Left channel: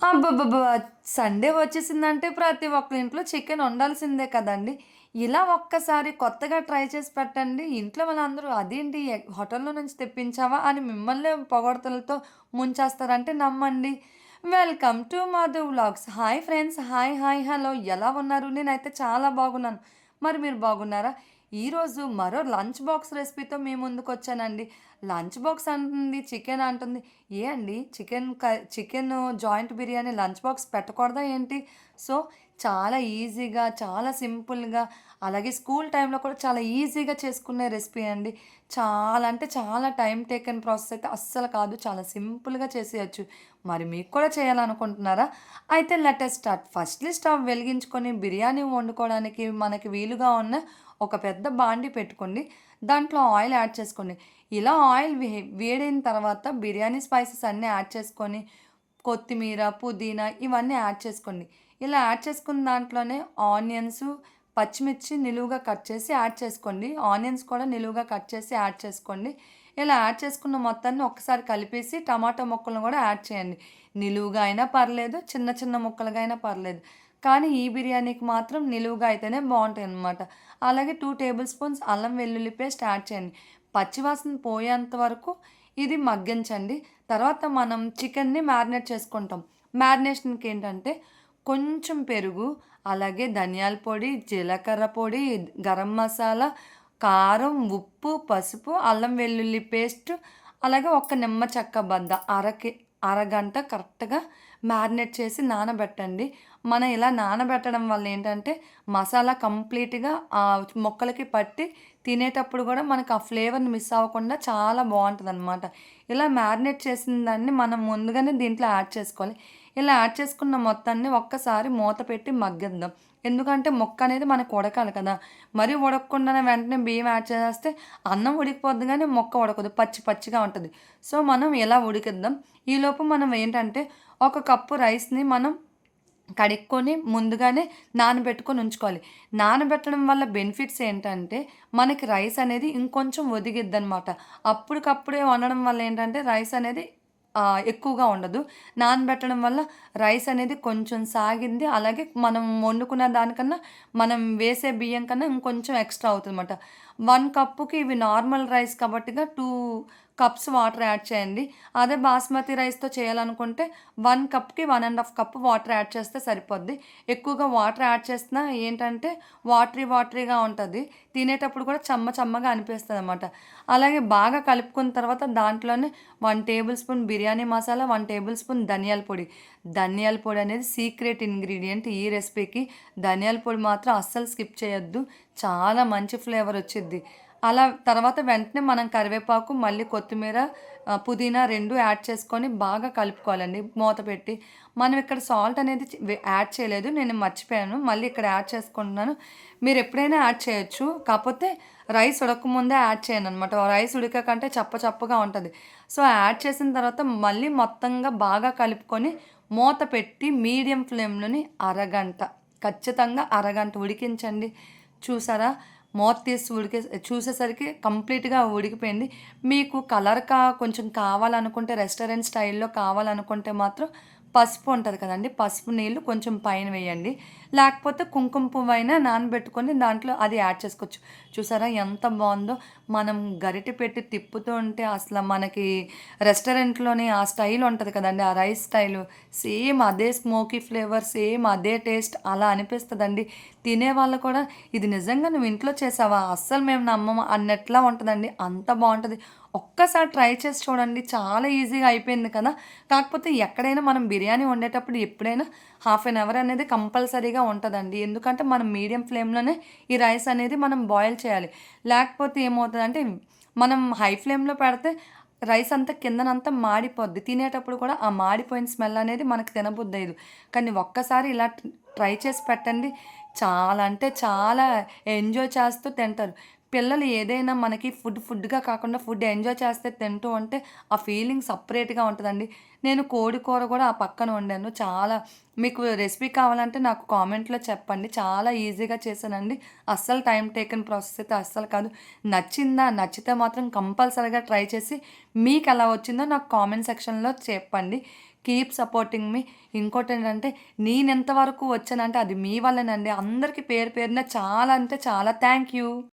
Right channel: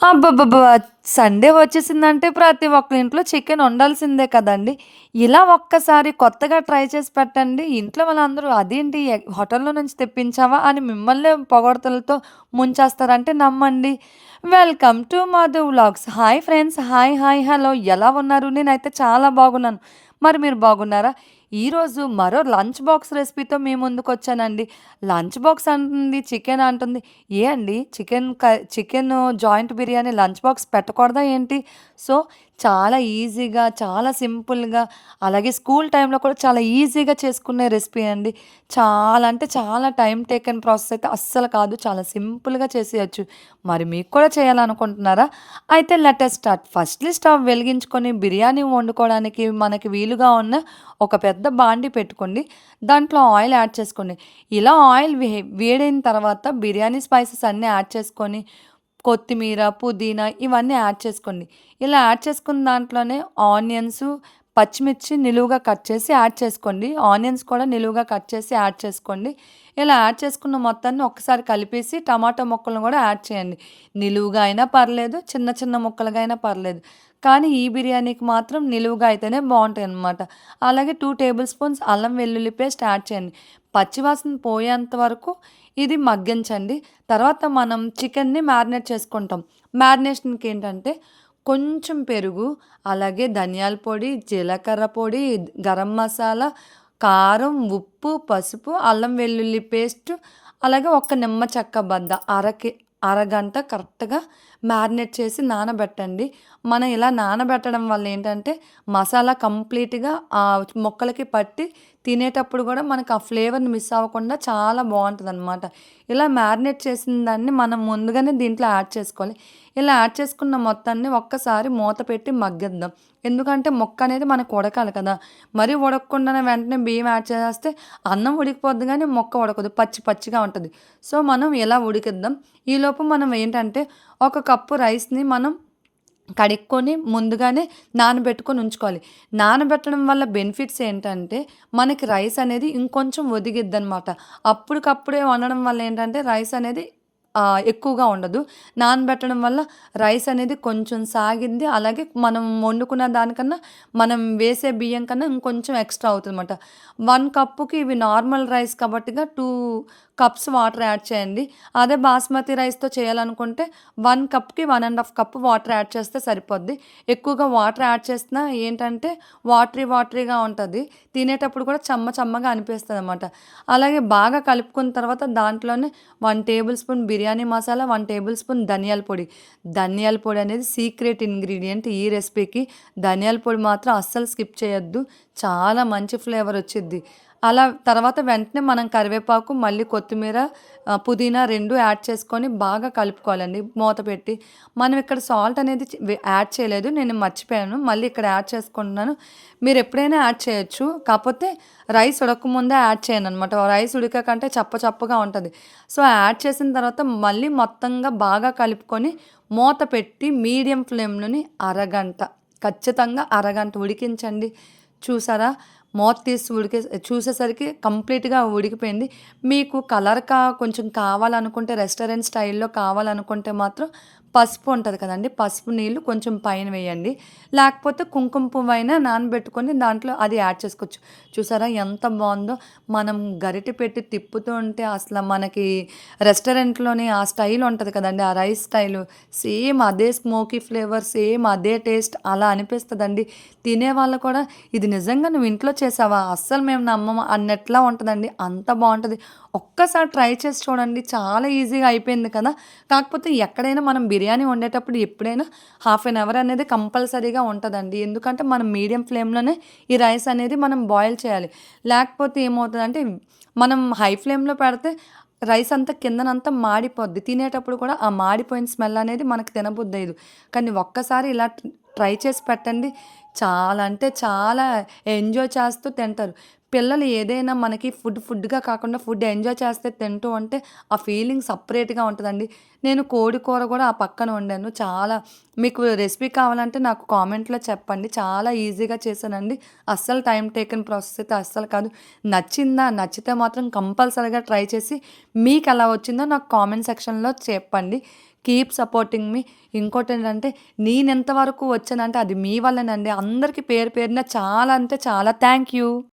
అబ్బబ్బబ్బా! సండే వచ్చేసిందంటే ప్రతి ఒక్కళ్ళ ఇంట్లో చికెన్ ఉండాల్సిందే కదండీ! ఇలా ఒక్కసారి కొత్తగా ట్రై చేసి పెట్టండి. ఇంట్లో వాళ్ళందరూ అదేంటి హోటల్‌లో నుంచి తెప్పించావా? అని మిమ్మల్నే పొగడ్తలతో ముంచేస్తారంటే నమ్మండి. Welcome to Madhu vlogs. Hi friends. Hi, hello ఎలా ఉన్నారు? నేనైతే చాలా బాగున్నాను. మరి మీరు బాగున్నారా? ఈరోజు మరో లంచ్ బాక్స్ రెసిపీతో మీ ముందుకొచ్చానండి. లంచ్ బాక్స్ అంటుంది, చికెన్ అంటుంది. ఏ అండి chicken joint biryani lunch box పెట్టకూడదా ఏంటి? సో, చాలా ఈజీగా, చాలా సింపుల్‌గా అలాగే స్కూల్ టైమ్‌లో కూడా చాలా ఈజీగా చేసుకునే రెసిపీ అండి. చాలా అంటే చాలా టైమ్ టేకెన్ ప్రాసెస్ అయితే అస్సలు కాదు. చాలా సింపుల్‌గా చేసేయొచ్చు. మరి మీకు కూడా చేయాలనుకుంటున్నారా? అయితే let us start. Firstly stove వెలిగించుకొని బిర్యానీ వండుకోవడానికి మనకి వీలుగా ఉన్న ఒక పెద్ద బాండీ పెట్టుకోండి. దాంట్లో ఆయిల్ యాడ్ చేసుకోండి. ఇలా ఆయిల్ వేడైన తర్వాత బిర్యానీ స్పైసెస్ అన్నీ యాడ్ చేసుకొని, కొత్తిమీర, పుదీనా ఇవన్నీ యాడ్ చేసుకోండి. ఇలా యాడ్ చేసుకున్న దాంట్లోనే ఆనియన్సు, పచ్చిమిర్చి నిలువుగా కట్ చేసి యాడ్ చేసుకోండి. ఆనియన్స్ కూడా నిలువుగా కట్ చేసి యాడ్ చేసుకోండి. ఇలా యాడ్ చేసుకున్న మొత్తాన్ని ఒక్కసారి కలిపేసి టమాటో ముక్కలను కూడా యాడ్ చేయండి. నిలువుగా అయినా పర్లేదు, చిన్న చిన్న ముక్కలుగా అయినా పర్లేదు. కానీ ఈ బిర్యానీకి మాత్రం నిలువుగా అయితేనే బావుంటాయనమాట. అలాగే 2 టేబుల్ స్పూన్స్ అల్లం వెల్లుల్లి పేస్ట్ యాడ్ చేయండి. పచ్చివాసన పోయేంత వరకు ఇది మగ్గించండి. తర్వాత మనం చికెన్‌ని మ్యారినేట్ చేసుకుంటాం. మ్యారినేషన్‌కి ఏంటంటే కొంచెం పెరుగు, అలాగే ధనియాల పొడి, జీలకర్ర పొడి, గరం మసాలా, కారం, ఉప్పు, పసుపు, అల్లం వెల్లుల్లి పేస్ట్, అలాగే ఒక నిమ్మ చెక్క బద్ద అరగంట కరెక్ట్‌గా మ్యారినేట్ చేసి నానబెట్టండి. మనం ఇలా నానబెట్టడం వల్ల ఏంటంటే మసాలా కంప్లీట్‌గా ముక్కలకి పట్టి తినేటప్పుడు గూడా మనకు ఆ ఫ్లేవర్‌ని మిస్ అవ్వకుండా చాలా బావుంటదనమాట. ఇలా మ్యారినేట్ చేసిన దాన్ని మనం ముందుగానే దీంట్లో యాడ్ చేసుకోవాలి. ఇలా యాడ్ చేసుకున్న మొత్తాన్ని ఒక్కసారి మూత పెట్టి మగ్గిద్దాం. ఎందుకంటే ముక్క అనేది మనకు ఉడకాలి కదా! మరీ ఉడకకుండానే వెంటనే బియ్యం యాడ్ చేసేస్తే అన్నం ఉడికిపోద్ది గానీ మొక్క ఉడకదు. పచ్చి పచ్చిగా ఉంటది. సో, మనం ఇలా ఉడికిద్దాం. ఈలోపు మనం ఏంటంటే ఒక కప్పు రైస్‌ని మనం కడుక్కొని ముందుగానే నానబెట్టుకొని ఉంచుకోవాలి. నానబెట్టడం వల్ల బెనిఫిట్స్ ఏంటంటే, మనకి రైస్ అనేది ఇంకొంచెం ఒదిగిద్దనమాట. అప్పటికప్పుడే వండడం వల్ల ఏంటంటే, రైస్ అనేది ఎక్కువగా ఉండదు. నానబెట్టడం వల్ల రైస్ అనేది కొంచెం సాగిద్ది. అలాగే మనం వండుకున్న దానికన్నా, మనం వేసే బియ్యం కన్నా ఇంకొంచెం ఎక్స్‌ట్రా అవుతదనమాట. 1 కప్పుకి ఇవి నార్మల్ రైస్ కాబట్టిగా 2 కప్స్ వాటర్ యాడ్ చేయండి. అదే బాస్మతి రైస్‌తో చేయాలనుకుంటే 1 కప్‌కి 1 ½ కప్ వాటర్ యాడ్ చేస్తే సరిపోద్ది. ఎక్కువగా వాటర్ యాడ్ చేసినా ఏంటంటే వాటరీగా ఉంటది. తినేటప్పుడు కూడా చెమ్మగా అనిపిస్తదనమాట. అలాగే బాగా కలుపుకున్న తర్వాత దాంట్లోనే 1 table spoon biryani masala, 1 table spoon ధనియాల పొడి. ధనియాల పొడి అనేది సీక్రెట్ ఇంగ్రీడియంట్ ఈ రెసిపీకి. ధనియాల పొడి మాత్రం అస్సలు స్కిప్ చేయొద్దు. చాలా మంచి ఫ్లేవర్ వచ్చిద్ది. అలా తర్వాత వెంటనే మనం కరివేపాకు, మళ్ళీ కొత్తిమీర, పుదీనా 2 యాడ్ చేసుకొని బాగా కలుపుకోవాలండి మూత పెట్టి. మనం ఇక్కడ సాల్ట్ అనేది యాడ్ చేయలేదు. నేను మర్చిపోయాను. మళ్ళీ ఇక్కడ యాడ్ చేసుకుంటున్నాను. మీరెప్పుడైనా యాడ్ చేయొచ్చు. కాపోతే రైస్ ఉడకముందే యాడ్ చేయననమాట. రైస్ ఉడికాకంటే చప్పగా ఉంటది. సో, యాడ్ చేసిన తర్వాత మళ్ళీ మొత్తంగా బాగా కలుపుకొని మూత పెట్టి మీడియం ఫ్లేమ్‌లోని అరగంట, ఖచ్చితంగా అరగంట ఉడికించండి. చూసారా? మూత తీసి చూసేసరికి కంప్లీట్‌గా ఉడికిపోయింది. మీకు కొంచెం కావాలనుకుంటే రెస్టారెంట్ స్టైల్‌లో కావాలనుకుంటే మాత్రం పసుపు ఉంటది కదండీ! పసుపు నీళ్లు కొంచెం పైన వేయండి. లేకపోతే కుంకుమ పువ్వైనా నానబెట్టుకొని దాంట్లో అది యాడ్ చేసుకోవచ్చు. చూసారా ఎంత బావుందో! మనం గరిటె పెట్టి తిప్పుతూ ఉంటే అసల మనకి రెస్టారెంట్‌లోని ఆ స్టైల్ ఉంటది కదండీ! ఆ రైస్ స్టైలు సేమ్ అదే స్మోకీ ఫ్లేవర్, సేమ్ అదే టేస్ట్ అలా అనిపిస్తదండి. తినేవాళ్ళు కూడా ఇది నిజంగా నువ్వు ఇంట్లో చేసావా? అస్సలు మేము నమ్మము అన్నట్లా ఉంటదండి. అంత బావుంటది. ఒక్కసారి ట్రై చేసి చూడండి. చాలా ఈజీగా అయిపోయింది కదా! కాకపోతే ఎక్కడైనా మనం బిర్యానీ వండేటప్పుడు ఎప్పుడైనా హాఫ్ ఎన్ అవర్ అనేది కంపల్సరీగా ఉంటదండి. ఎందుకంటే మనం మీడియం ఫ్లేమ్‌లోనే ఈ రైస్ అనేది మనం బాయిల్ చేయాలి. లేకపోతే ఏమవుతదంటే మనం హై ఫ్లేమ్‌లో పెడితే రైస్ అంతా కిందనంతా మాడిపోద్ది. తినేటప్పుడు కూడా ఆ మాడిపోయిన స్మెల్ అనేది మనకు తినబుద్దయ్యదు. కానీ ఒక్కసారి ఇలా ట్రై చేసి పెట్టండి. చాలా అంటే చాలా ఎంజాయ్ చేస్తూ తింటారు. పిల్లలు ఏదైనా మనకి ఫుడ్‌గా కాకుండా ఫుడ్ ఎంజాయ్ చేస్తే తింటూ ఉంటే ఆ ఫీలింగ్ సెపరేట్‌గా ఉంటదండి. నేను కోడి కూర గూడా ఆ పక్కన వండాను. చాలా మీకు రెసిపీ కావాలంటే నాకు కామెంట్‌లో చెప్పండి. చాలా ఈజీగా చేశానండి. అస్సలు టైమ్ టేకెన్ ప్రాసెస్ అయితే అస్సలు కాదు. నచ్చిందా? నచ్చితే మాత్రం కంపల్సరీగా ట్రై చేసి మీకెలా వచ్చిందో నాకు కామెంట్ సెక్షన్‌లో చెప్పండి. కీప్ సపోర్టింగ్ మీ. ఇంకోటేంటంటే నేనెంత వరకు వచ్చానంటే అది మీ వల్లేనండి. అందరికి పేరు పేరున చాలా అంటే చాలా థ్యాంక్ యూ.